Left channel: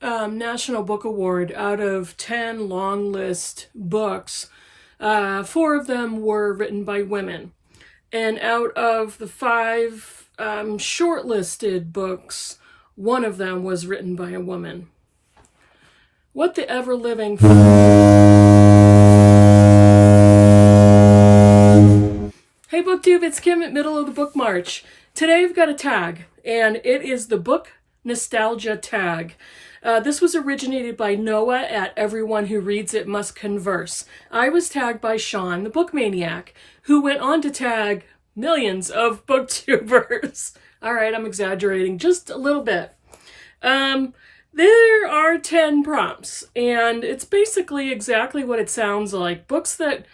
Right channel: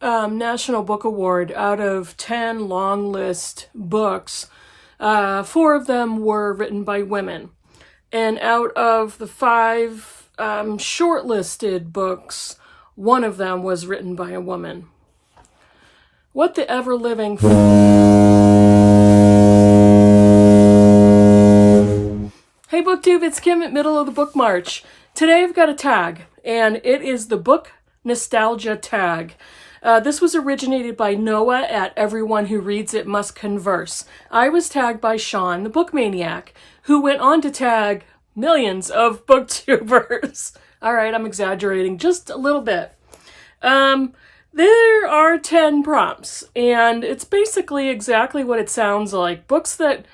National Book Award. Out of 10 long list books, 4 of them were written by women. And out of the 5 shortlisted books, 1 of them was written by a woman. What the ever-living... Hey BookTube, it's Kim at Middle of the Book March. Today I've got a tag, and it is the Book Nostalgia tag. This was originated by Noah at Everyone Who Reads It Must Converse. I was tagged by Sean, the Book Maniac, who went on to tag millions of booktubers. All right, I'm exaggerating just a little bit. There are 10 prompts, and it's basically exactly what it sounds like. Books that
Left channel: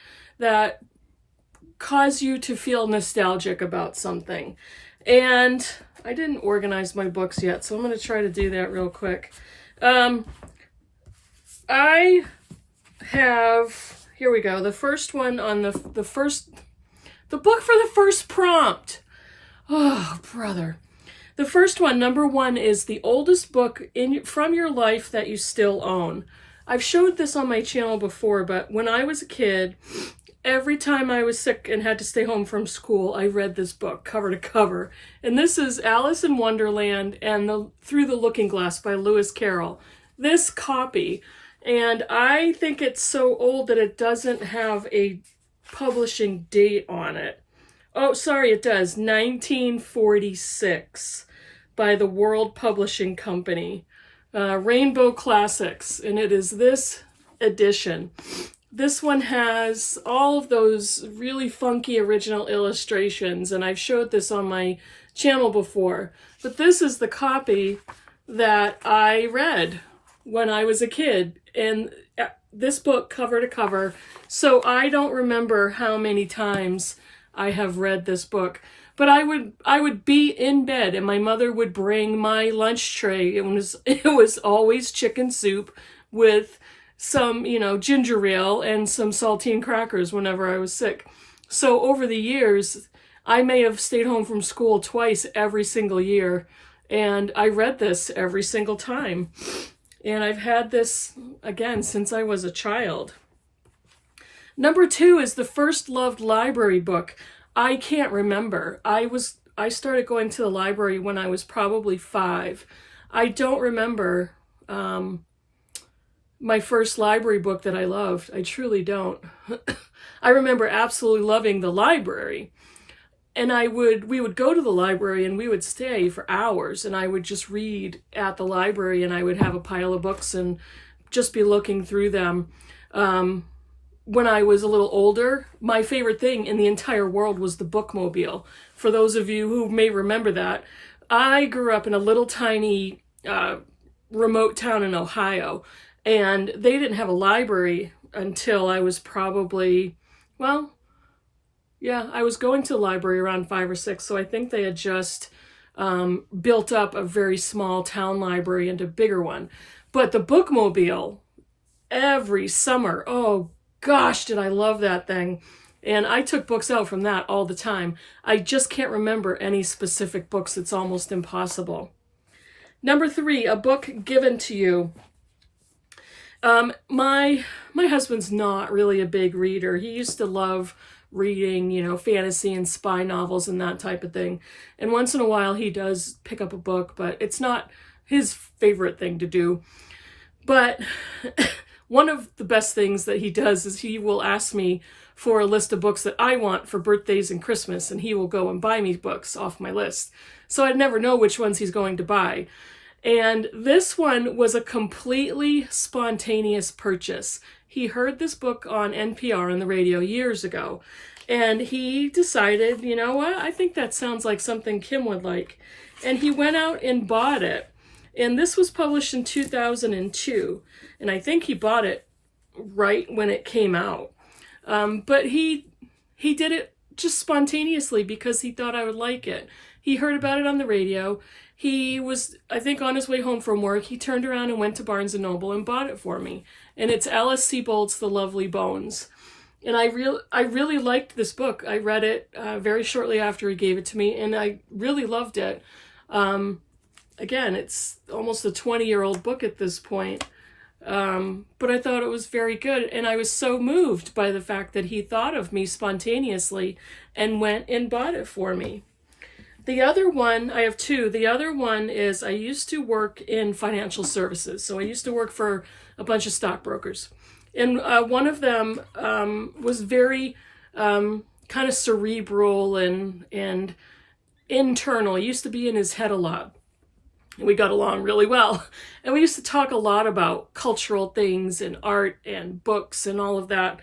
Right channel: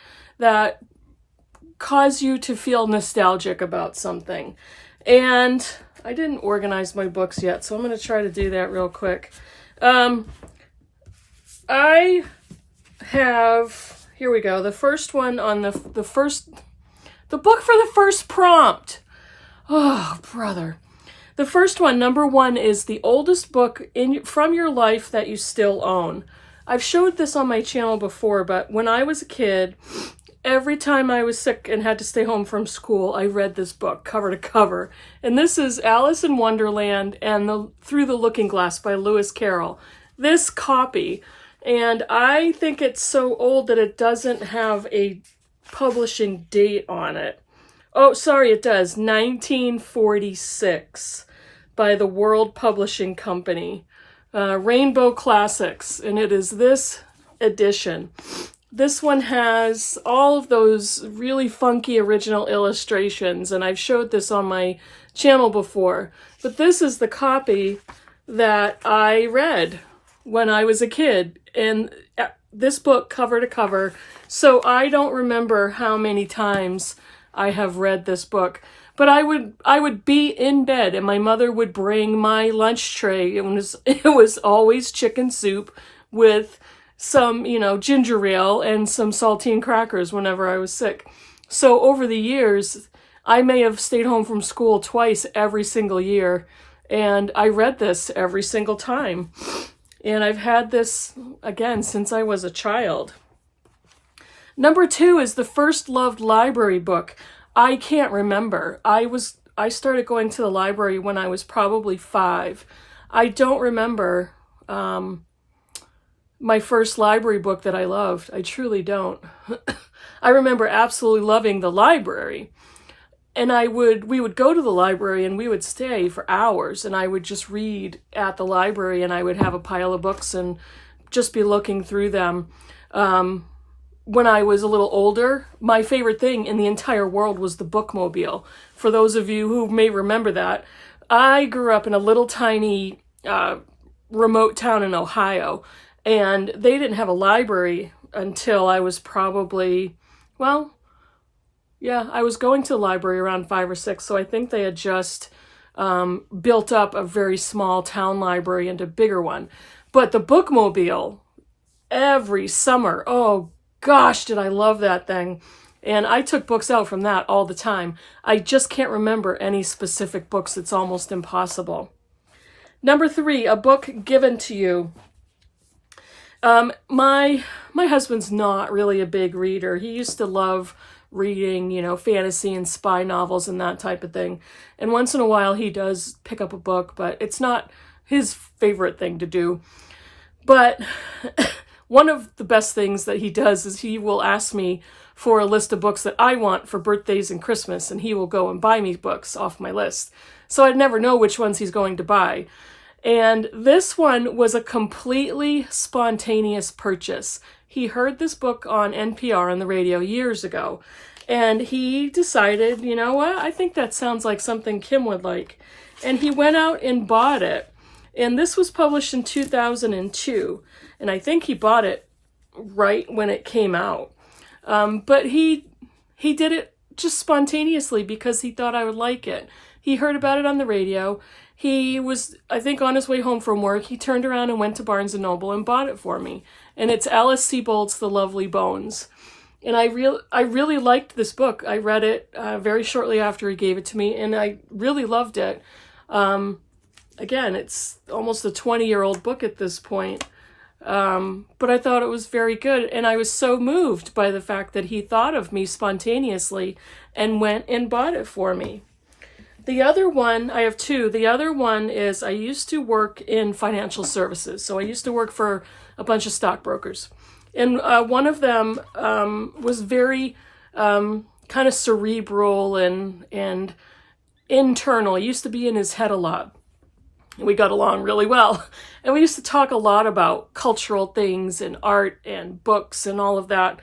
cause you to feel nostalgic about something. And I didn't organize my books yet, so I'm going to try to do that real quick. I have, here we go, the first one on the book for the first prompt. Oh, brother. The first one, number 1, is the oldest book from your life that you still own. I've showed this on my channel before, but when I was a kid, every time I was sick and had to stay home from school, I read this book cover to cover. And this is Alice in Wonderland and Through the Looking Glass by Lewis Carroll. This copy, and I think it's so old that it doesn't have a publishing date on it. Oh, sorry, it does. 1946 by the World Publishing Company. Rainbow Classics, and it is this edition. This one has all of those really funky original illustrations, and I've showed this on my channel before. But this is the copy that I read when I was a kid, and this book cover to cover. So I don't remember how many times I have read this book. But I would be in bed, and my mother would bring my lunch tray. It was always chicken soup with some, ginger ale and some saltine crackers whenever I was sick. So over the years, I may have stayed home from school twice every single year, and I read this every single time. And I've had this, again, since I was a child. Number 2 is the first loved library book. I can't remember. I started going to the library when I was probably 5. I don't remember my first library book that I loved. I truly don't. I remember absolutely loving the library. And we would go to the library and we would stay for hours, and I would just read at the library, and I would have a pile of books and just be looking through them. When I was a little older, my favorite thing in the entire world was the bookmobile. For those of you who may remember that, I grew up in a little tiny remote town in Ohio, and they didn't have a library until I was probably, I was going to the library around 5 or 6, so I think they had just built up a very small town library into a bigger one. But the bookmobile, every summer, oh gosh, did I love that thing. And I took books out from that all the time. I just can't remember any specific books. It's almost impossible. Number 3, a book given to you. My husband's not really a big reader. He used to love reading, fantasy and spy novels and that type of thing. And once in a while he does pick up a book, but it's not his favorite thing to do. But one of the best things that he does is he will ask me for a list of books that I want for birthdays and Christmas, and he will go and buy me books off my list. So I'd never know which ones he's going to buy. And this one was a completely spontaneous purchase. He heard this book on NPR on the radio years ago, and he decided, you know what, I think that sounds like something Kim would like. And he went out and bought it. And this was published in 2002. And I think he bought it right when it came out. But he did it just spontaneously because he thought I would like it. He heard about it on the radio. He was, I think, on his way home from work. He turned around and went to Barnes & Noble and bought it for me. And it's Alice Sebold's The Lovely Bones. And I really liked this book. I read it very shortly after he gave it to me, and I really loved it. again, it's almost a 20-year-old book at this point. But I thought it was very good, and I was so moved by the fact that he thought of me spontaneously and went and bought it for me. The other one, I have two. The other one is I used to work in financial services. So I used to work for a bunch of stockbrokers. And one of them was very kind of cerebral and internal. He used to be in his head a lot. We got along really well. And we used to talk a lot about cultural things and art and books and all of that.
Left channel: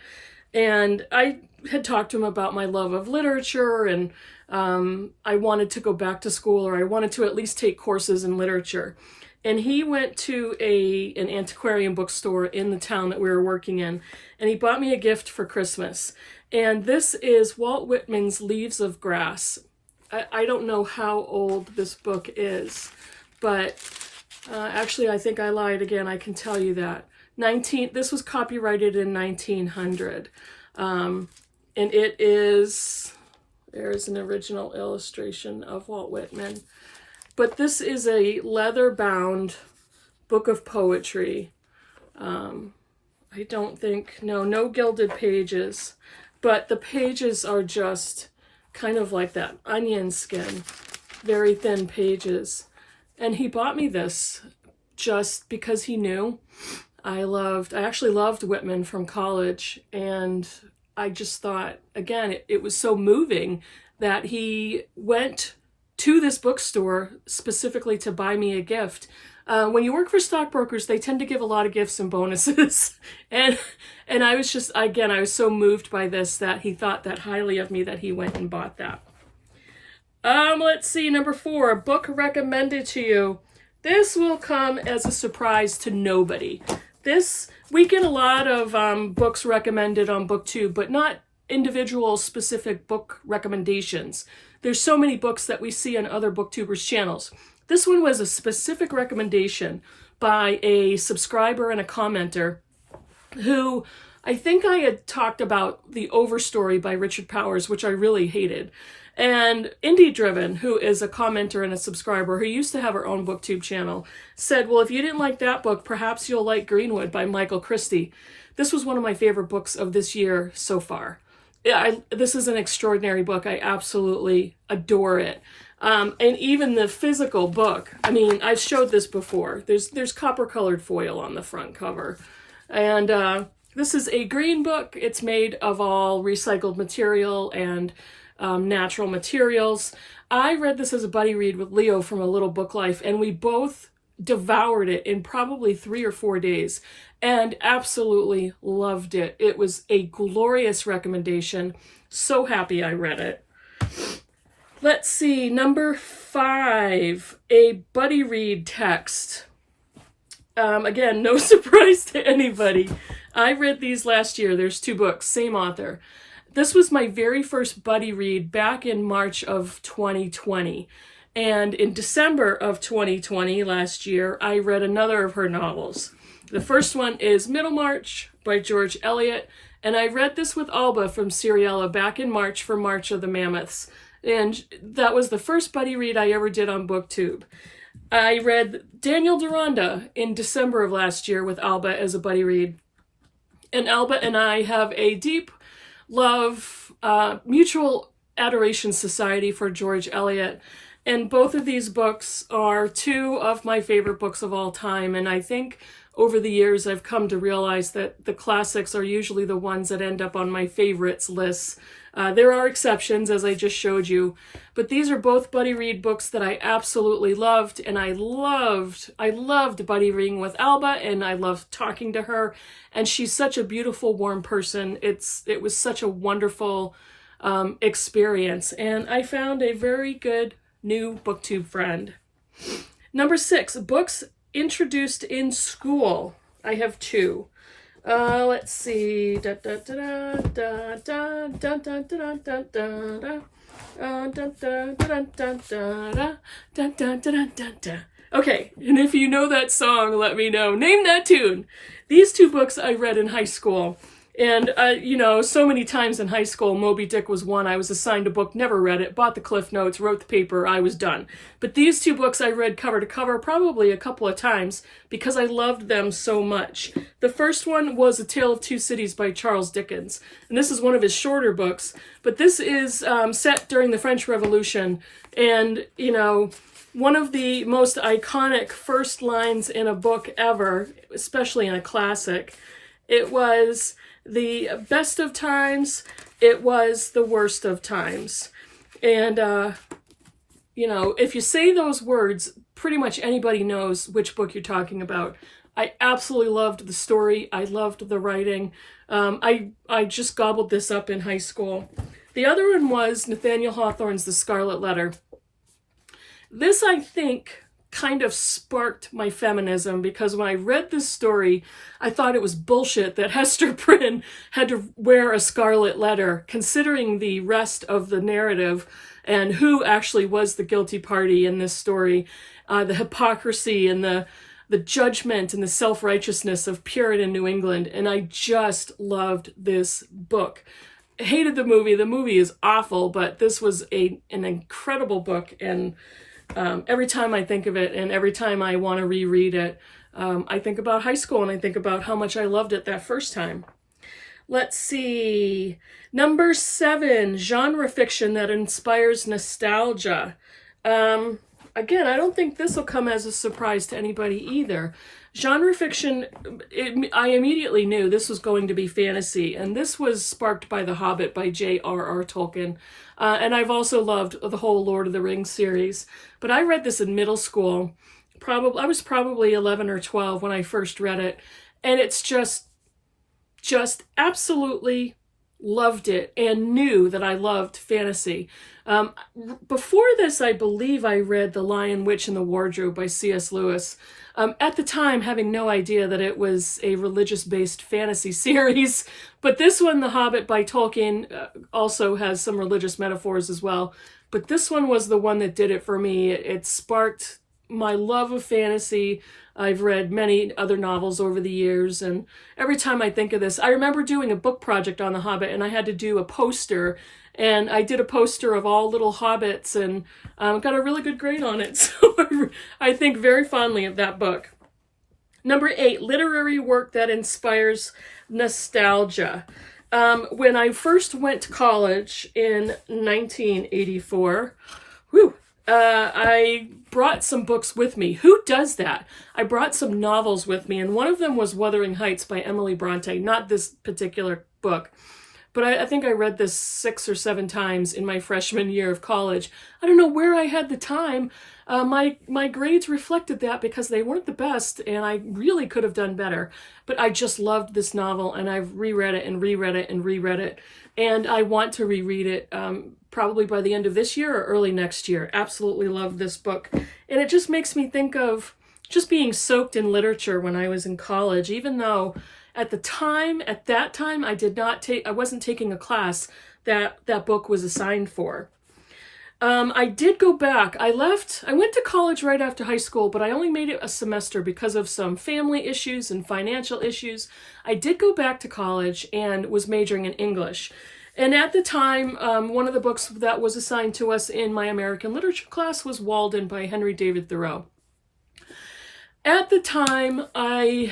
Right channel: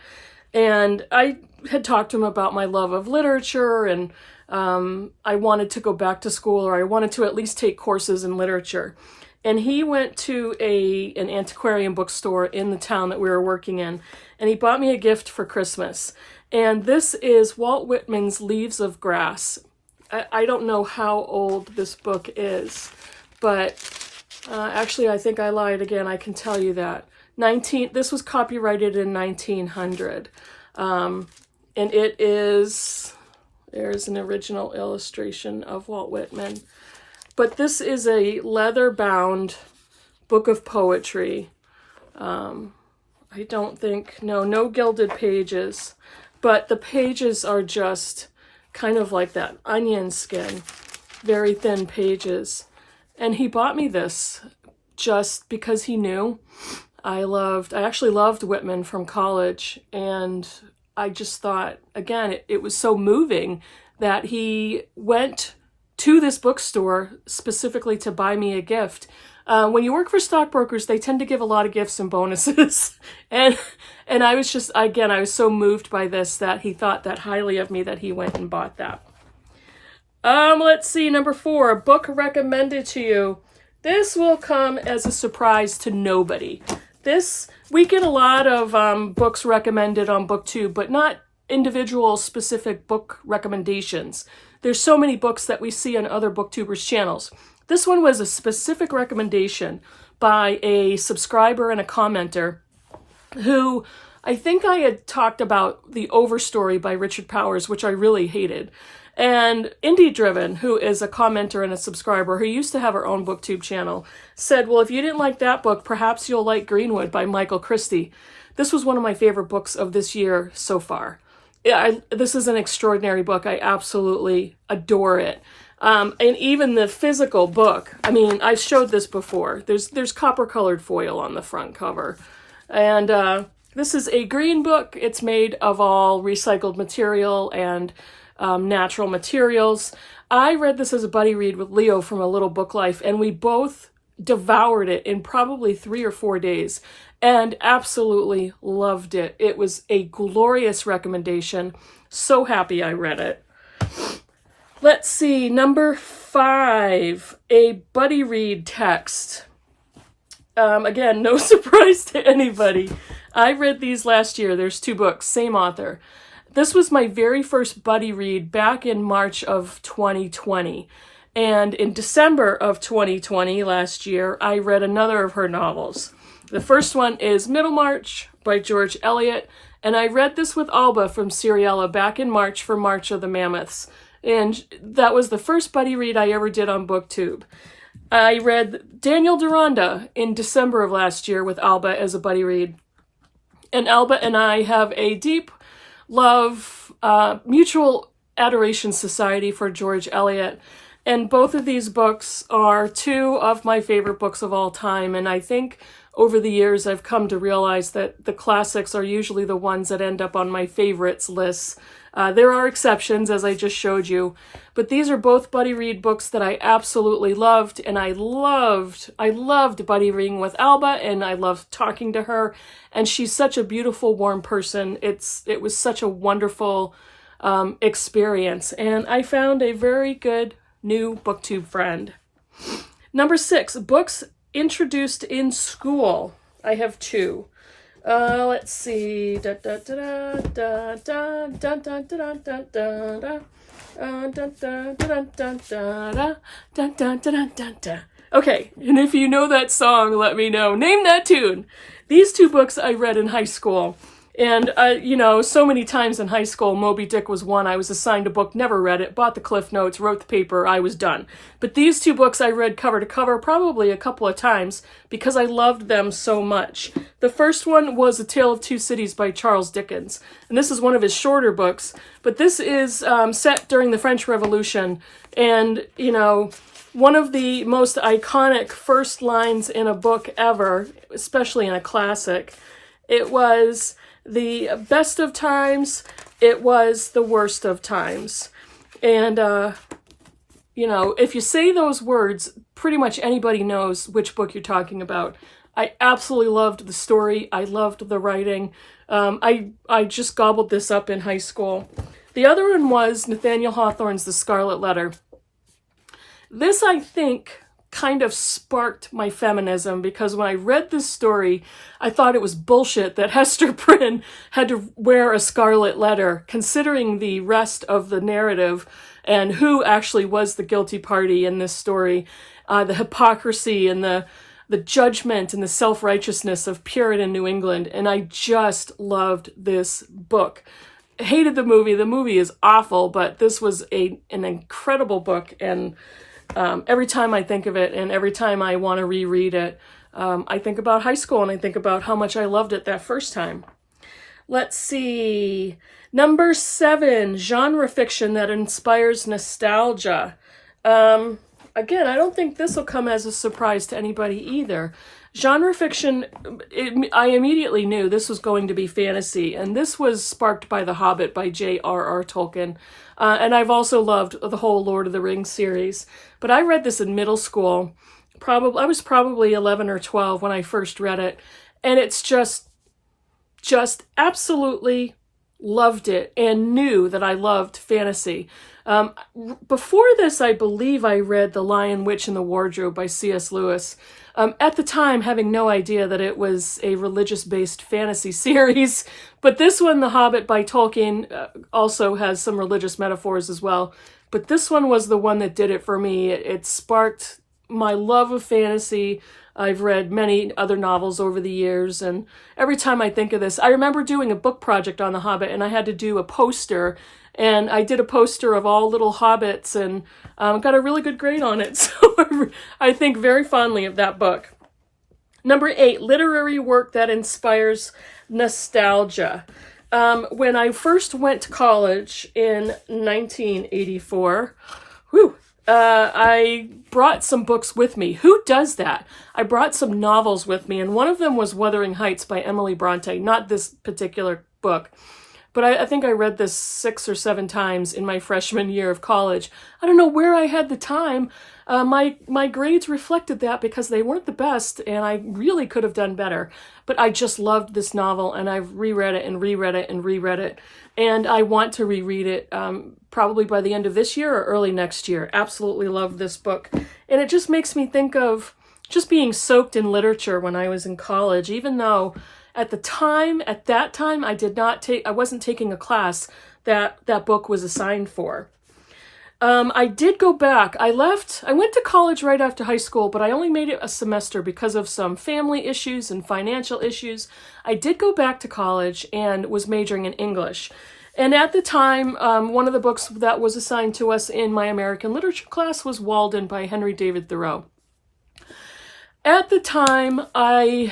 And I had talked to him about my love of literature, and I wanted to go back to school, or I wanted to at least take courses in literature. And he went to an antiquarian bookstore in the town that we were working in, and he bought me a gift for Christmas. And this is Walt Whitman's Leaves of Grass. I don't know how old this book is, but actually I think I lied again. I can tell you that. This was copyrighted in 1900. And it is, there's an original illustration of Walt Whitman. But this is a leather-bound book of poetry. I don't think, no gilded pages. But the pages are just kind of like that onion skin, very thin pages. And he bought me this just because he knew I actually loved Whitman from college, and I just thought, again, it was so moving that he went to this bookstore specifically to buy me a gift. When you work for stockbrokers, they tend to give a lot of gifts and bonuses. and I was just, again, I was so moved by this that he thought that highly of me that he went and bought that. Let's see, number 4, a book recommended to you. This will come as a surprise to nobody. We get a lot of books recommended on BookTube, but not individual specific book recommendations. There's so many books that we see on other BookTubers' channels. This one was a specific recommendation by a subscriber and a commenter who I think I had talked about The Overstory by Richard Powers, which I really hated. And Indie Driven, who is a commenter and a subscriber who used to have her own BookTube channel, said, well, if you didn't like that book, perhaps you'll like Greenwood by Michael Christie. This was one of my favorite books of this year so far. This is an extraordinary book. I absolutely adore it. And even the physical book, I mean, I've showed this before. There's copper-colored foil on the front cover. And this is a green book. It's made of all recycled material and natural materials. I read this as a buddy read with Leo from A Little Book Life, and we both devoured it in probably 3 or 4 days and absolutely loved it. It was a glorious recommendation. So happy I read it. Let's see, number 5, a buddy read text. Again, no surprise to anybody. I read these last year. There's 2 books, same author. This was my very first buddy read back in March of 2020. And in December of 2020, last year, I read another of her novels. The first one is Middlemarch by George Eliot. And I read this with Alba from Seriella back in March for March of the Mammoths. And that was the first buddy read I ever did on BookTube. I read Daniel Deronda in December of last year with Alba as a buddy read. And Alba and I have a deep love, mutual adoration society for George Eliot. And both of these books are 2 of my favorite books of all time. And I think over the years I've come to realize that the classics are usually the ones that end up on my favorites lists. There are exceptions, as I just showed you, but these are both buddy read books that I absolutely loved, and I loved buddy reading with Alba, and I loved talking to her, and she's such a beautiful, warm person. It was such a wonderful experience, and I found a very good new BookTube friend. Number 6, books introduced in school. I have 2. Let's see. Okay, and if you know that song, let me know. Name that tune. These 2 books I read in high school. And, you know, so many times in high school, Moby Dick was one. I was assigned a book, never read it, bought the Cliff Notes, wrote the paper, I was done. But these two books I read cover to cover probably a couple of times because I loved them so much. The first one was A Tale of Two Cities by Charles Dickens. And this is one of his shorter books. But this is set during the French Revolution. And, you know, one of the most iconic first lines in a book ever, especially in a classic, it was the best of times, it was the worst of times. And, you know, if you say those words, pretty much anybody knows which book you're talking about. I absolutely loved the story. I loved the writing. I just gobbled this up in high school. The other one was Nathaniel Hawthorne's The Scarlet Letter. This, I think, kind of sparked my feminism because when I read this story, I thought it was bullshit that Hester Prynne had to wear a scarlet letter, considering the rest of the narrative and who actually was the guilty party in this story, the hypocrisy and the judgment and the self-righteousness of Puritan New England. And I just loved this book. Hated the movie. The movie is awful, but this was an incredible book. And every time I think of it and every time I want to reread it, I think about high school and I think about how much I loved it that first time. Let's see. Number 7, genre fiction that inspires nostalgia. Again, I don't think this will come as a surprise to anybody either. Genre fiction, I immediately knew this was going to be fantasy, and this was sparked by The Hobbit by J.R.R. Tolkien. And I've also loved the whole Lord of the Rings series. But I read this in middle school. I was probably 11 or 12 when I first read it. And it's just absolutely loved it and knew that I loved fantasy. Before this, I believe I read The Lion, Witch, and the Wardrobe by C.S. Lewis. At the time, having no idea that it was a religious-based fantasy series. But this one, The Hobbit by Tolkien, also has some religious metaphors as well. But this one was the one that did it for me. It sparked my love of fantasy. I've read many other novels over the years, and every time I think of this, I remember doing a book project on The Hobbit, and I had to do a poster, and I did a poster of all little hobbits, and got a really good grade on it, so I think very fondly of that book. Number 8, literary work that inspires nostalgia. When I first went to college in 1984, I brought some books with me. Who does that? I brought some novels with me, and one of them was Wuthering Heights by Emily Bronte, not this particular book. But I think I read this 6 or 7 times in my freshman year of college. I don't know where I had the time. My grades reflected that because they weren't the best, and I really could have done better. But I just loved this novel, and I've reread it and reread it and reread it. And I want to reread it probably by the end of this year or early next year. Absolutely love this book. And it just makes me think of just being soaked in literature when I was in college, even though at that time, I wasn't taking a class that book was assigned for. I did go back. I went to college right after high school, but I only made it a semester because of some family issues and financial issues. I did go back to college and was majoring in English. And at the time, one of the books that was assigned to us in my American literature class was Walden by Henry David Thoreau. At the time, I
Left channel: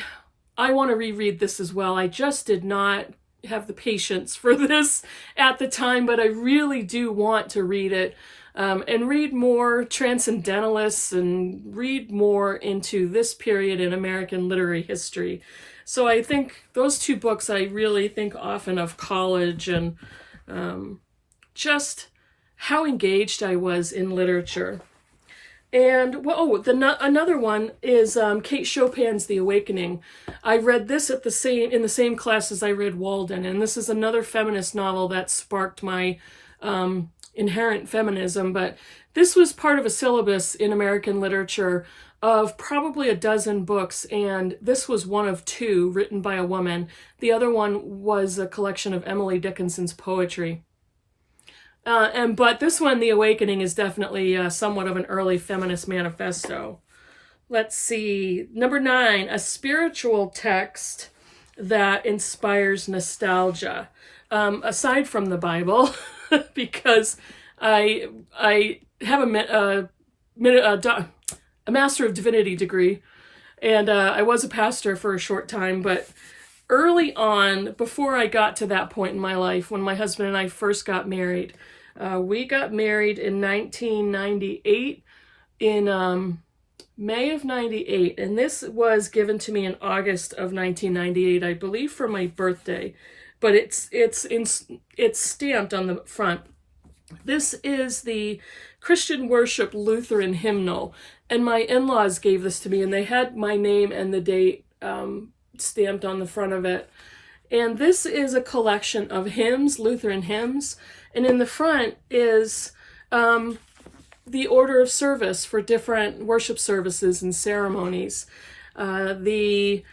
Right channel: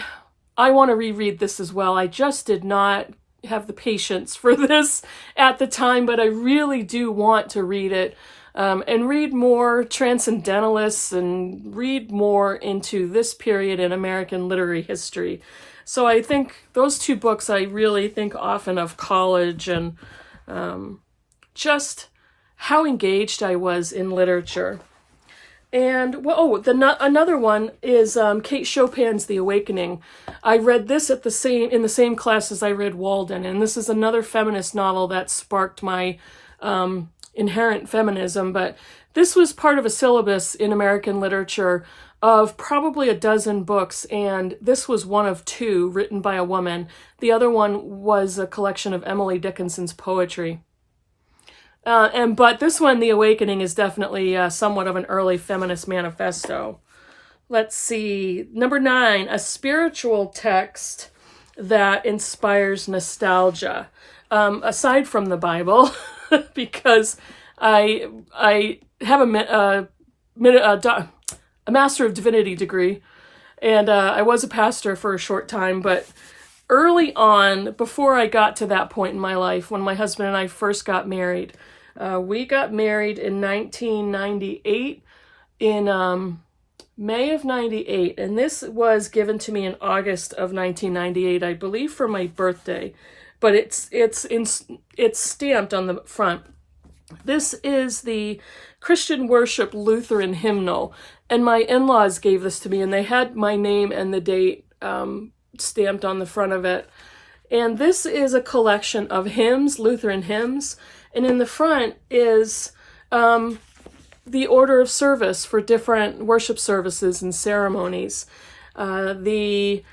want to reread this as well. I just did not have the patience for this at the time, but I really do want to read it and read more transcendentalists and read more into this period in American literary history. So I think those 2 books, I really think often of college and just how engaged I was in literature. And another one is Kate Chopin's The Awakening. I read this in the same class as I read Walden, and this is another feminist novel that sparked my inherent feminism. But this was part of a syllabus in American literature of probably a dozen books, and this was one of 2 written by a woman. The other one was a collection of Emily Dickinson's poetry. But this one, The Awakening, is definitely somewhat of an early feminist manifesto. Let's see. Number 9, a spiritual text that inspires nostalgia, aside from the Bible, because I have a Master of Divinity degree, and I was a pastor for a short time, but early on, before I got to that point in my life, when my husband and I first got married, we got married in 1998, in May of 98, and this was given to me in August of 1998, I believe for my birthday, but it's stamped on the front. This is the Christian Worship Lutheran Hymnal, and my in-laws gave this to me, and they had my name and the date stamped on the front of it. And this is a collection of hymns, Lutheran hymns, and in the front is the order of service for different worship services and ceremonies. The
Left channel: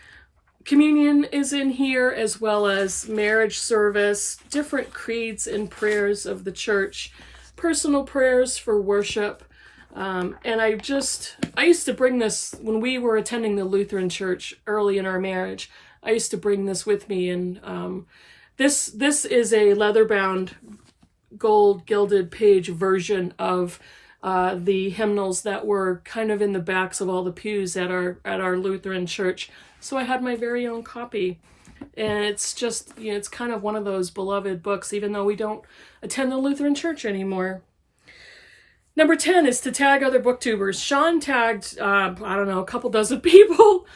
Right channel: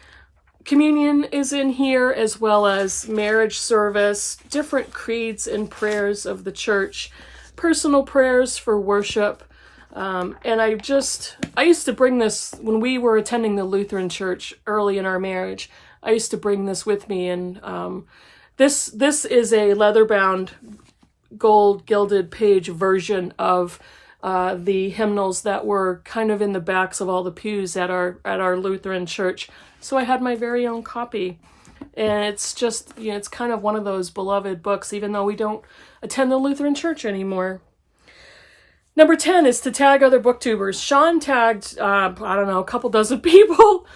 communion is in here, as well as marriage service, different creeds and prayers of the church, personal prayers for worship. And I used to bring this when we were attending the Lutheran church early in our marriage. I used to bring this with me, and this is a leather-bound, gold gilded page version of the hymnals that were kind of in the backs of all the pews at our Lutheran church. So I had my very own copy, and it's just, it's kind of one of those beloved books, even though we don't attend the Lutheran church anymore. Number 10 is to tag other booktubers. Sean tagged, a couple dozen people,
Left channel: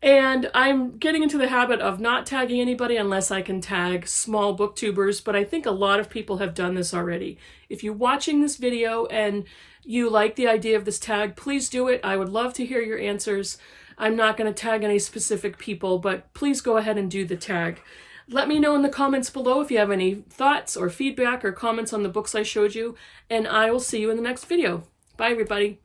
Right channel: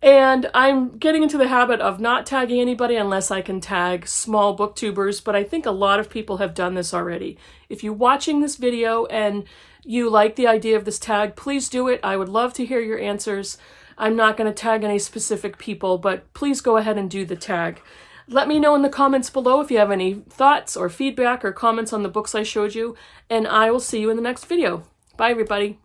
and I'm getting into the habit of not tagging anybody unless I can tag small booktubers, but I think a lot of people have done this already. If you're watching this video and you like the idea of this tag, please do it. I would love to hear your answers. I'm not going to tag any specific people, but please go ahead and do the tag. Let me know in the comments below if you have any thoughts or feedback or comments on the books I showed you, and I will see you in the next video. Bye, everybody.